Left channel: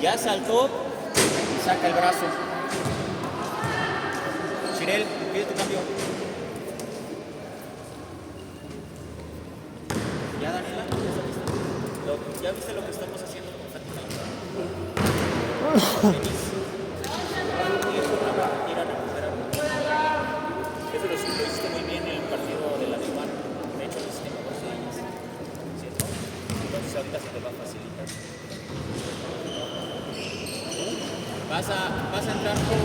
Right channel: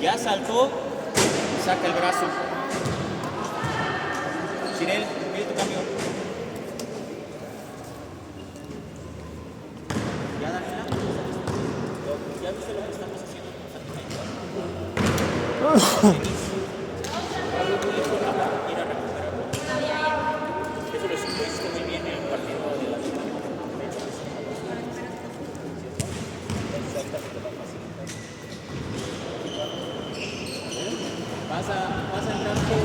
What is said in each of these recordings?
Ya saltó, saca el brazo. Chinel, pide tu cambio. Ya da. ¿Ya viste lo que estamos haciendo con Fátima? Ir a recuperar. Eso lo hiciste muy bien en el partido de la Diva. De hecho, ¿cierto? Entonces ahorita se te va a facilitar. Vas a entrar por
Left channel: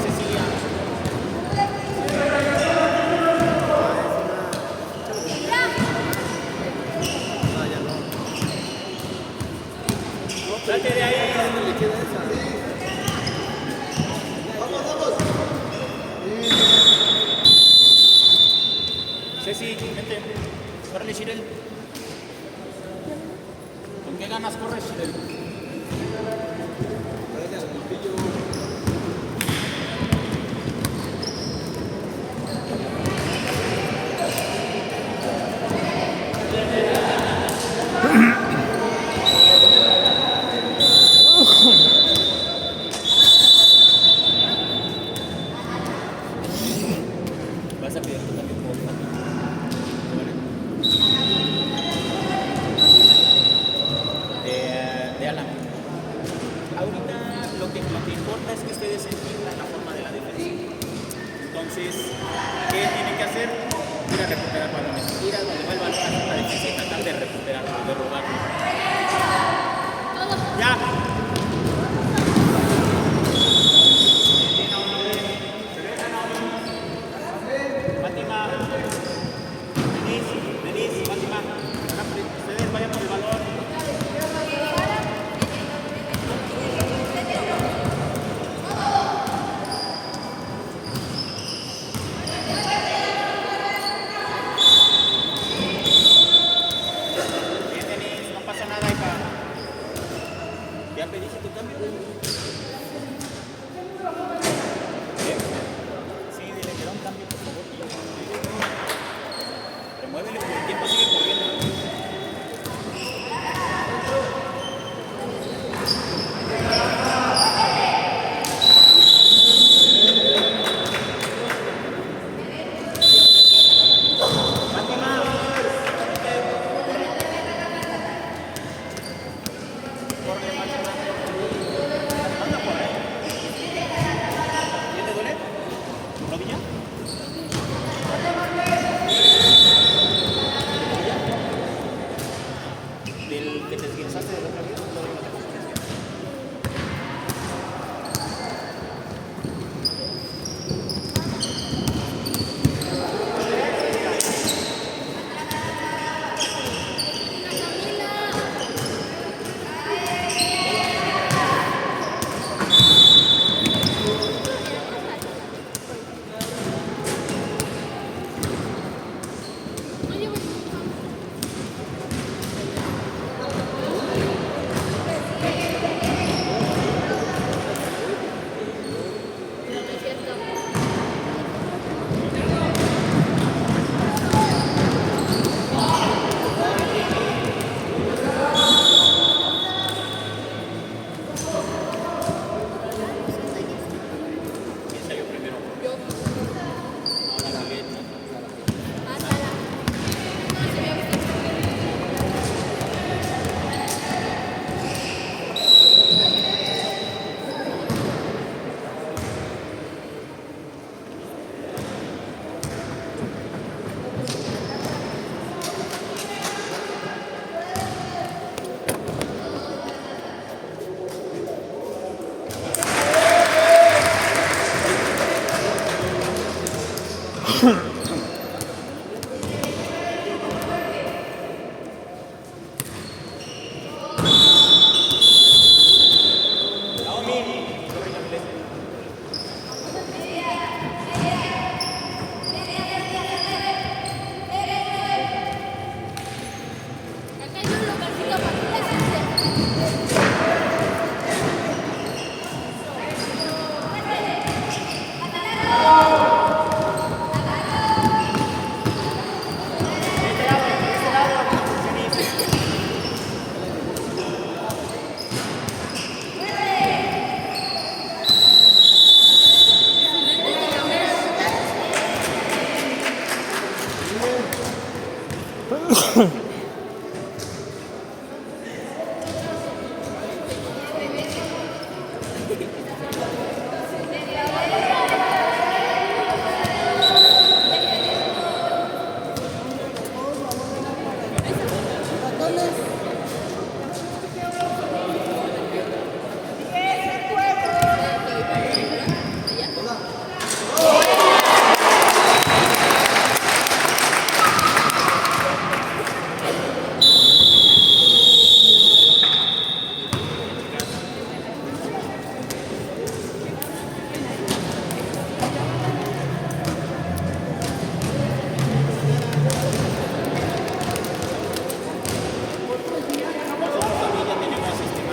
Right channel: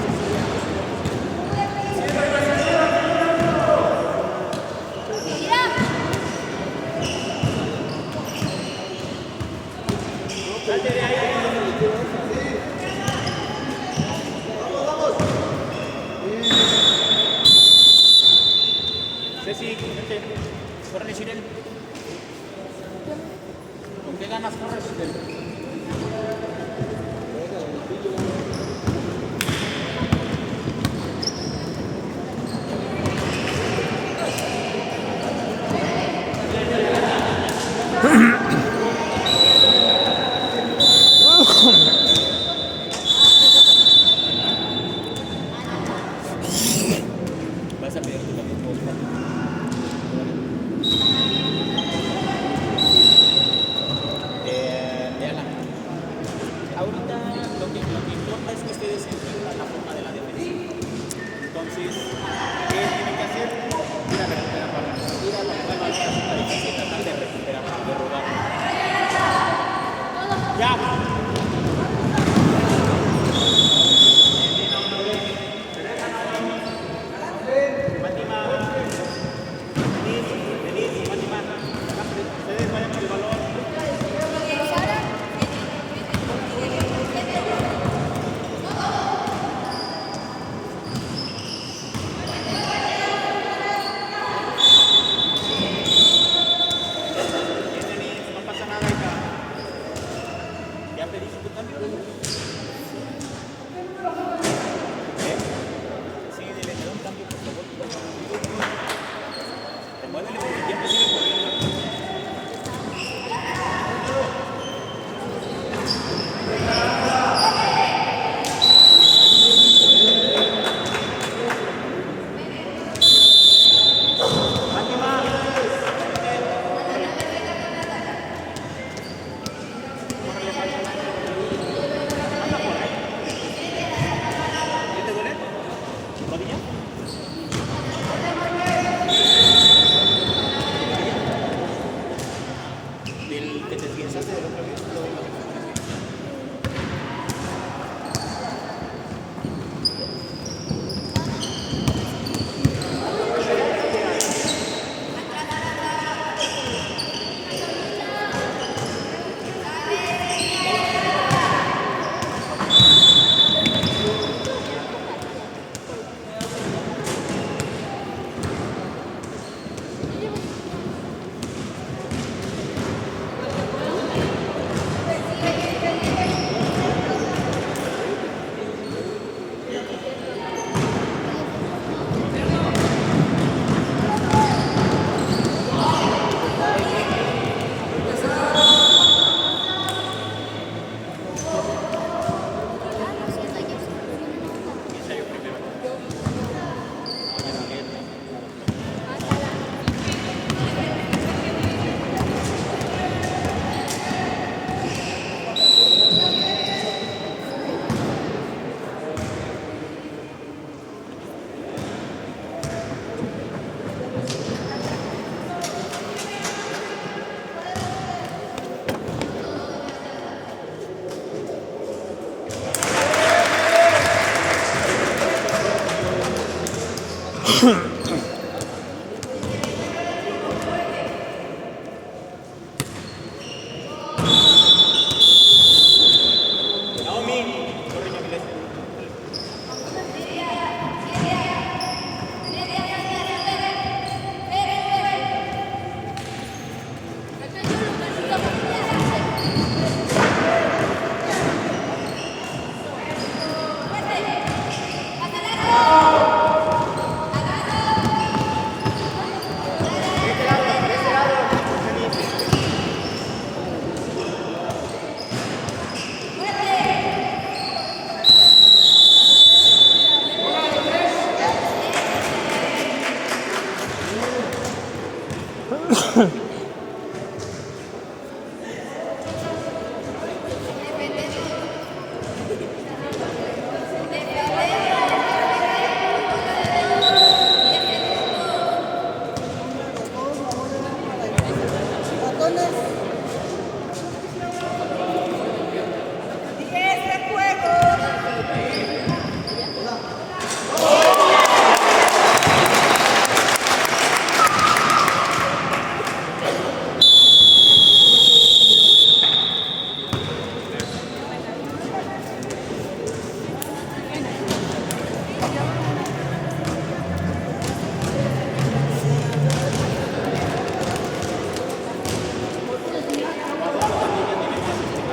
Cecilia. Salte de ahí. Ceci, vente. Corre, Shirel. ¿Con qué ganas corres, Shirel? Vas a pedir tu también por favor. De Alan. Ahorita lo que importa es que ustedes entiendan la forma de la defensa. Entonces, ¿qué tienen que hacer? Ir a recuperar balones. Ir a la balón a la defensa y tratar de recuperar, de rodar. Ya. ¿Ya pediste tu cambio? Sí, me da un cambio, por favor. Remuévelo porque el tiempo sigue corriendo. Del que te desguinzaste de la otra vez.